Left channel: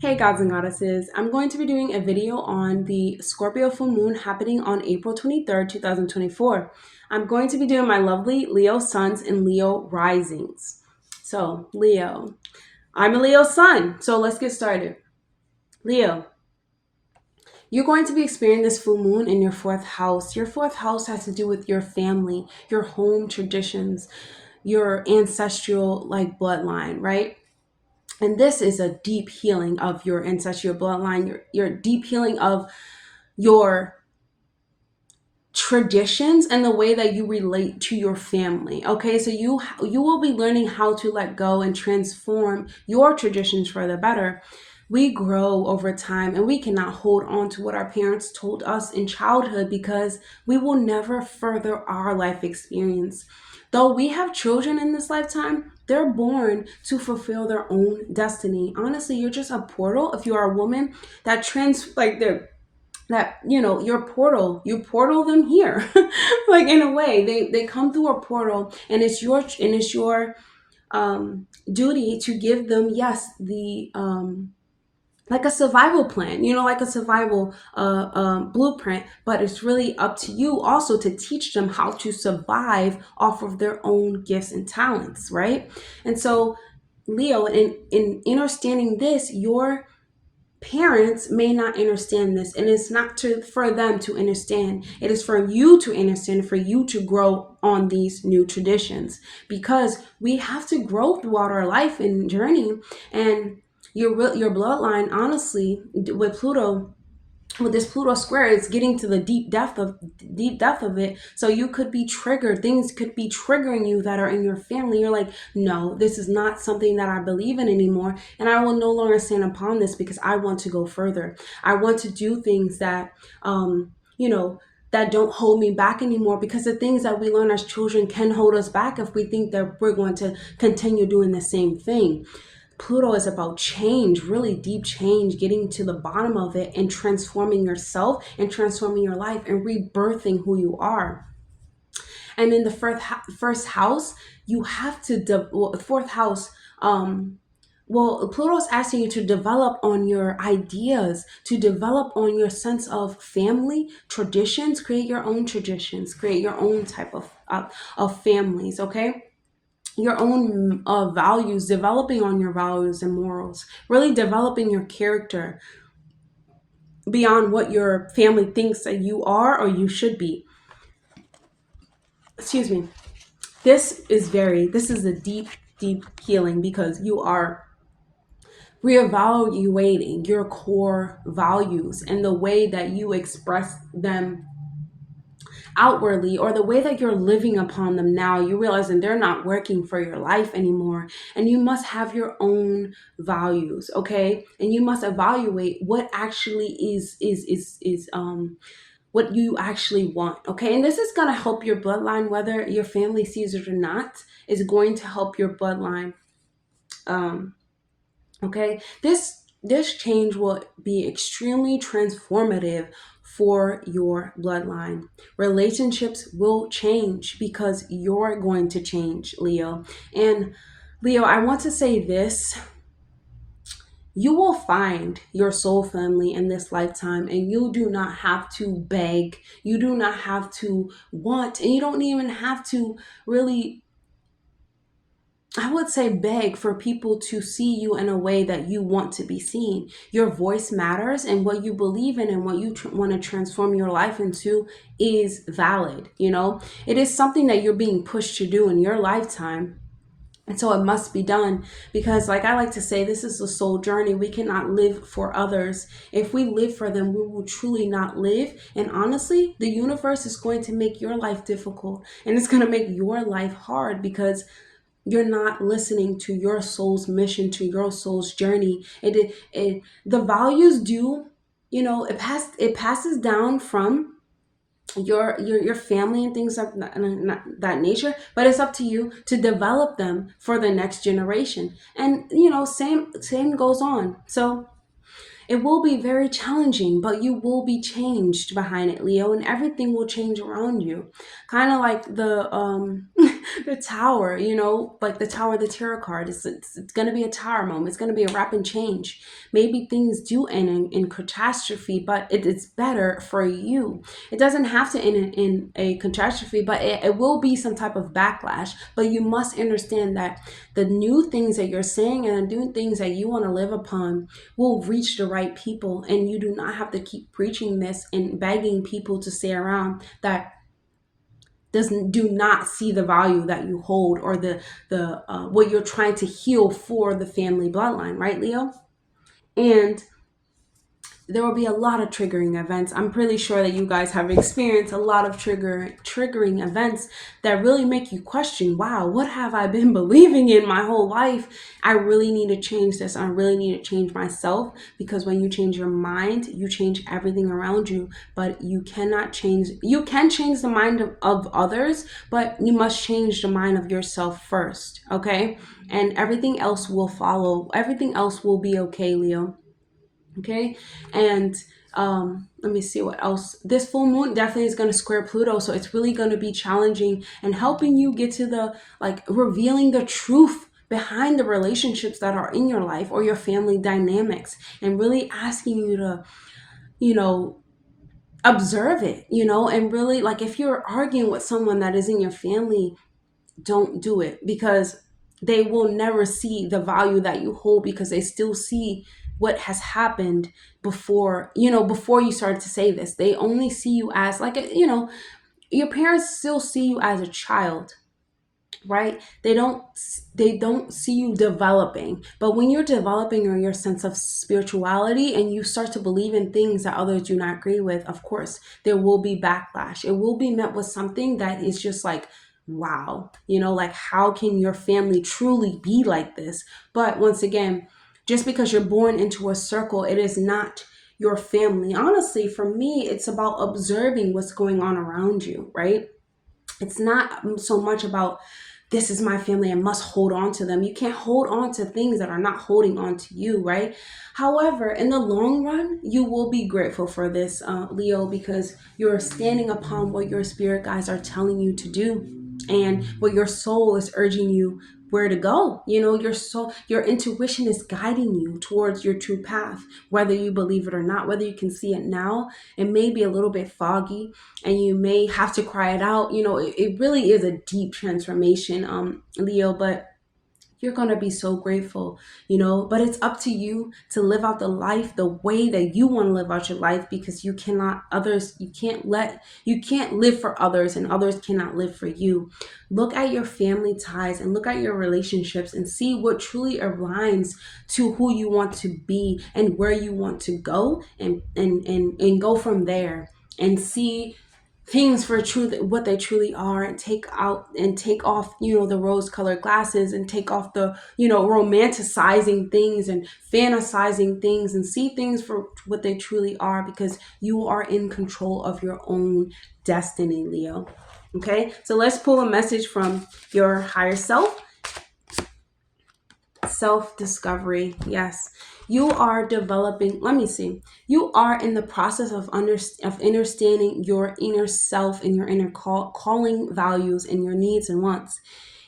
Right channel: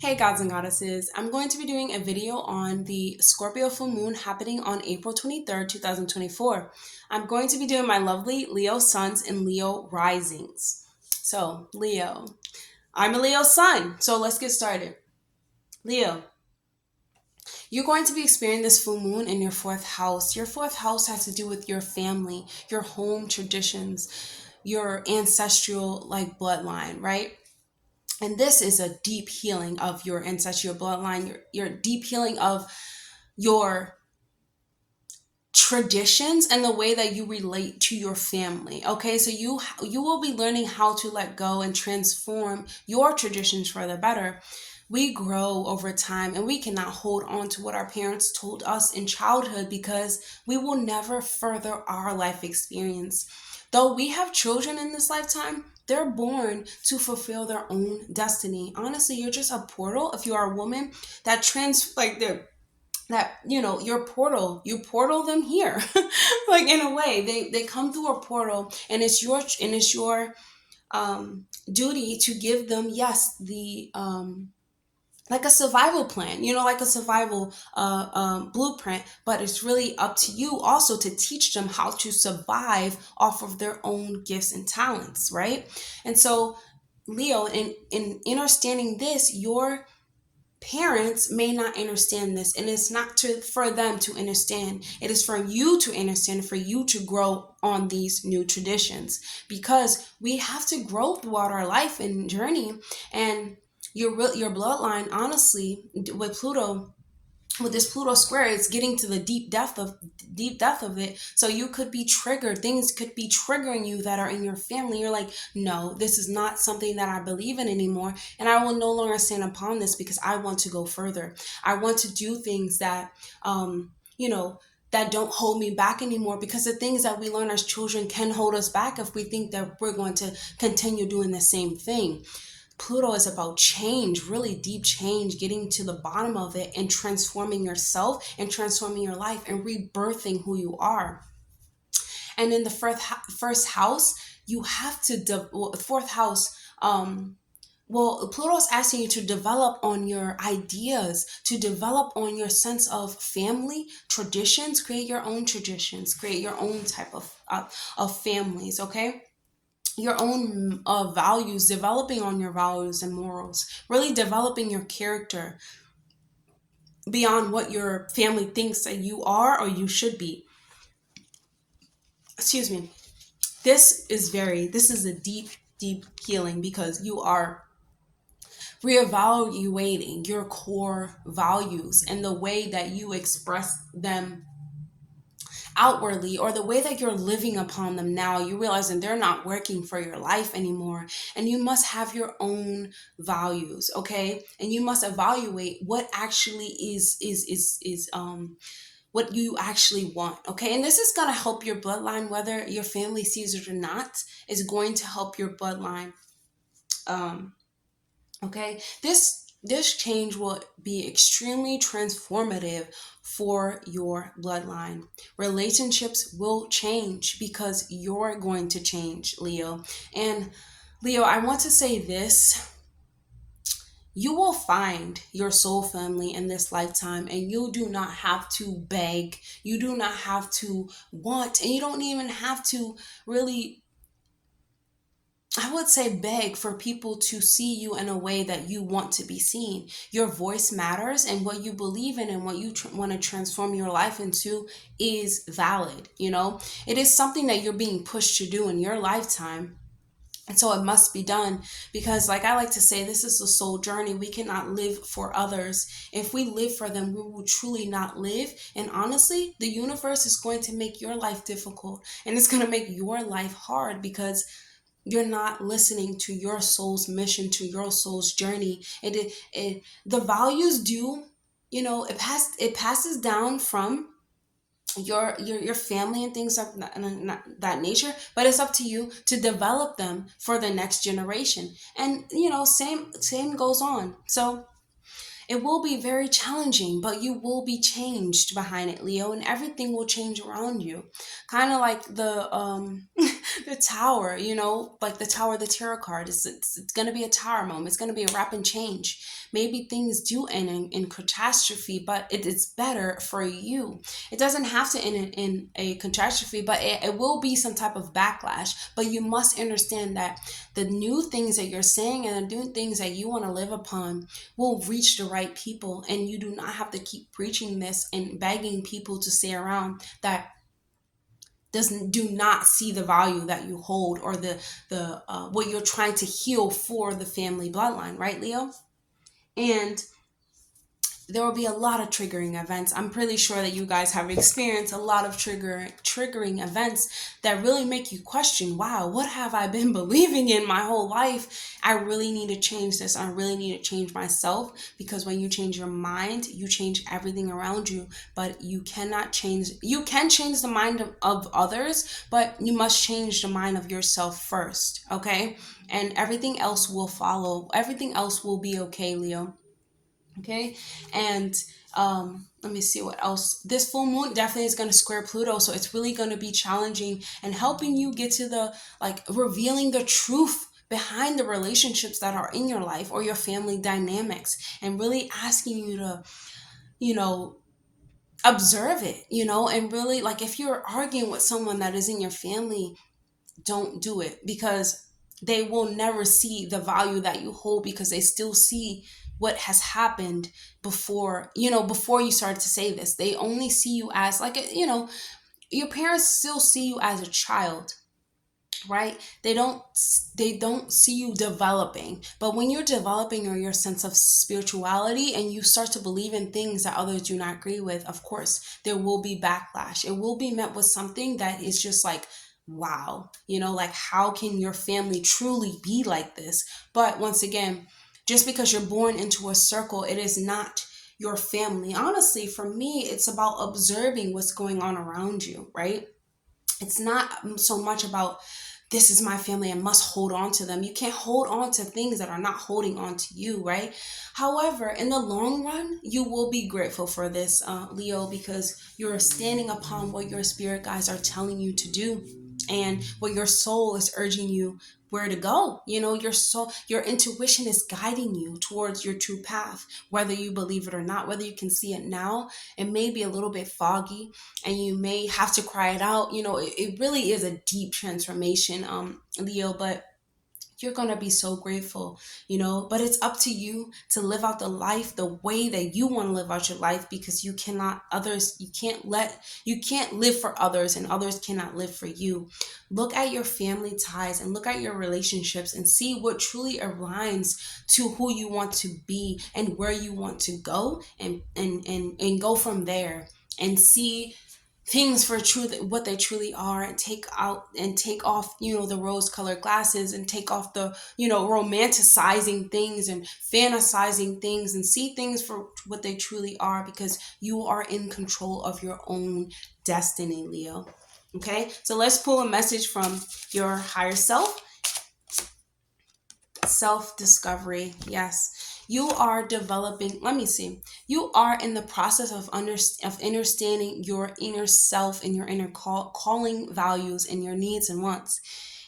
Hey gods and goddesses, I'm going to be doing a video on the Scorpio full moon happening on April 23rd, 2024. I'm going to be doing my lovely Leo suns and Leo risings. So, Leo, I'm a Leo sun, so let's get started. Leo, you're going to be experiencing this full moon in your fourth house. Your fourth house has to do with your family, your home traditions, your ancestral bloodline, right? And this is a deep healing of your ancestral bloodline, your deep healing of your traditions and the way that you relate to your family. Okay, so you will be learning how to let go and transform your traditions for the better. We grow over time and we cannot hold on to what our parents told us in childhood because we will never further our life experience. Though we have children in this lifetime, they're born to fulfill their own destiny. Honestly, you're just a portal. If you are a woman that you portal them here. Like, in a way, they come through a portal, and it's your duty to give them, yes, the like a survival plan, like a survival blueprint. But it's really up to you also to teach them how to survive off of their own gifts and talents, right? And so, Leo, in understanding this, your parents may not understand this, and it's not for them to understand. It is for you to understand, for you to grow on these new traditions, because we have to grow throughout our life and journey. And your bloodline, honestly, with this Pluto square, it's getting to the deep depth of it. So you could be triggered. Things could be triggering you that are in your family. You're like, no, this is not something that I believe in anymore. And I will no longer stand upon this because I want to go further. I want to do things that, that don't hold me back anymore, because the things that we learn as children can hold us back if we think that we're going to continue doing the same thing. Pluto is about change, really deep change, getting to the bottom of it and transforming yourself and transforming your life and rebirthing who you are. And in the first house, you have to, fourth house, Pluto's asking you to develop on your ideas, to develop on your sense of family traditions, create your own traditions, create your own type of families, okay? Your own values, developing on your values and morals, really developing your character beyond what your family thinks that you are or you should be. Excuse me. This is a deep healing, because you are reevaluating your core values and the way that you express them outwardly, or the way that you're living upon them now. You realize that they're not working for your life anymore, and you must have your own values, okay? And you must evaluate what actually is what you actually want, okay? And this is going to help your bloodline, whether your family sees it or not, is going to help your bloodline. Okay, this change will be extremely transformative for your bloodline. Relationships will change because you're going to change, Leo. And Leo, I want to say this. You will find your soul family in this lifetime, and you do not have to beg. You do not have to want, and you don't even have to really, I would say, beg for people to see you in a way that you want to be seen. Your voice matters, and what you believe in and what you want to transform your life into is valid. It is something that you're being pushed to do in your lifetime. And so it must be done, because, like I like to say, this is a soul journey. We cannot live for others. If we live for them, we will truly not live. And honestly, the universe is going to make your life difficult, and it's going to make your life hard, because you're not listening to your soul's mission, to your soul's journey. The values do, it passes down from your family and things of that nature, but it's up to you to develop them for the next generation. And same goes on. So it will be very challenging, but you will be changed behind it, Leo, and everything will change around you. Kind of like The tower, you know, like the tower, the tarot card, it's going to be a tower moment. It's going to be a rapid change. Maybe things do end in catastrophe, but it's better for you. It doesn't have to end in a catastrophe, but it will be some type of backlash. But you must understand that the new things that you're saying and the new things that you want to live upon will reach the right people. And you do not have to keep preaching this and begging people to stay around that do not see the value that you hold, or the what you're trying to heal for the family bloodline, right, Leo? And there will be a lot of triggering events. I'm pretty sure that you guys have experienced a lot of triggering events that really make you question, wow, what have I been believing in my whole life? I really need to change this. I really need to change myself, because when you change your mind, you change everything around you. But you can change the mind of others, but you must change the mind of yourself first, okay? And everything else will follow. Everything else will be okay, Leo. Okay. And let me see what else. This full moon definitely is going to square Pluto, so it's really going to be challenging and helping you get to the, like, revealing the truth behind the relationships that are in your life or your family dynamics, and really asking you to, you know, observe it, you know, and really, like, if you're arguing with someone that is in your family, don't do it, because they will never see the value that you hold, because they still see what has happened before, you know, before you started to say this. They only see you as, like, you know, your parents still see you as a child, right? They don't see you developing. But when you're developing or your sense of spirituality and you start to believe in things that others do not agree with, of course there will be backlash. It will be met with something that is just like, wow, you know, like, how can your family truly be like this? But once again, just because you're born into a circle, it is not your family. Honestly, for me, it's about observing what's going on around you, right? It's not so much about, this is my family, I must hold on to them. You can't hold on to things that are not holding on to you, right? However, in the long run, you will be grateful for this, Leo, because you're standing upon what your spirit guides are telling you to do, and what your soul is urging you where to go. You know, your intuition is guiding you towards your true path, whether you believe it or not, whether you can see it now. It may be a little bit foggy and you may have to cry it out. You know, it really is a deep transformation, Leo, but you're going to be so grateful, you know. But it's up to you to live out the life the way that you want to live out your life, because you can't live for others, and others cannot live for you. Look at your family ties and look at your relationships and see what truly aligns to who you want to be and where you want to go, and go from there, and see things for truth, what they truly are, and take off, you know, the rose colored glasses, and take off the, you know, romanticizing things and fantasizing things, and see things for what they truly are, because you are in control of your own destiny, Leo. Okay, so let's pull a message from your higher self-discovery. Yes, you are developing. Let me see. You are in the process of understanding your inner self and your inner calling values and your needs and wants,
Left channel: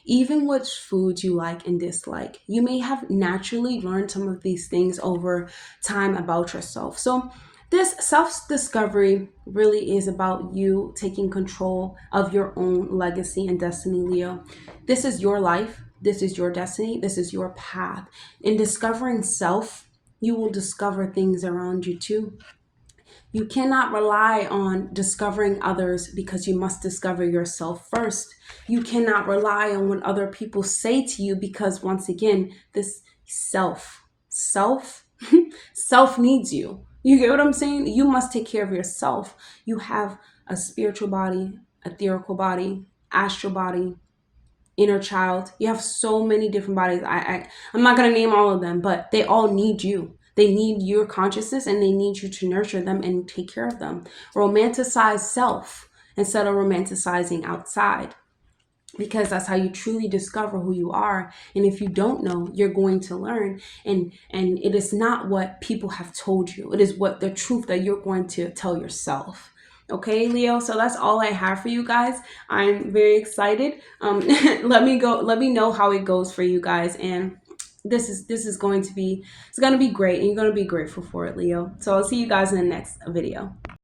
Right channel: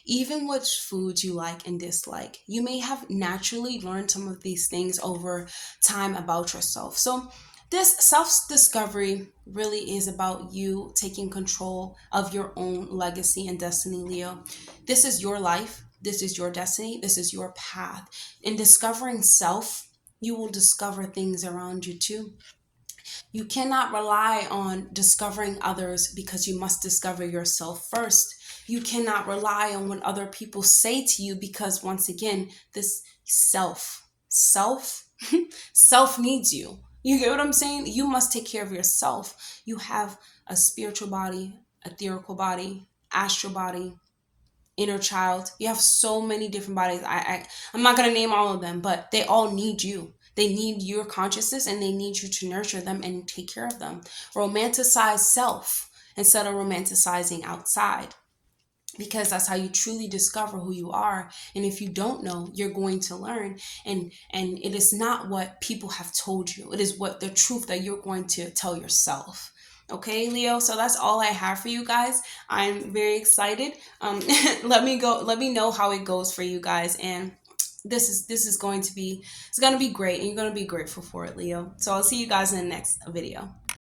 even which foods you like and dislike. You may have naturally learned some of these things over time about yourself. So this self-discovery really is about you taking control of your own legacy and destiny, Leo. This is your life. This is your destiny. This is your path. In discovering self, you will discover things around you too. You cannot rely on discovering others, because you must discover yourself first. You cannot rely on what other people say to you, because once again, this self self needs you. You get what I'm saying? You must take care of yourself. You have a spiritual body, etherical body, astral body, inner child. You have so many different bodies. I'm not going to name all of them, but they all need you. They need your consciousness, and they need you to nurture them and take care of them. Romanticize self instead of romanticizing outside, because that's how you truly discover who you are. And if you don't know, you're going to learn. And it is not what people have told you. It is what the truth that you're going to tell yourself. Okay, Leo. So that's all I have for you guys. I'm very excited. Let me know how it goes for you guys. And this is going to be, it's going to be great, and you're going to be grateful for it, Leo. So I'll see you guys in the next video.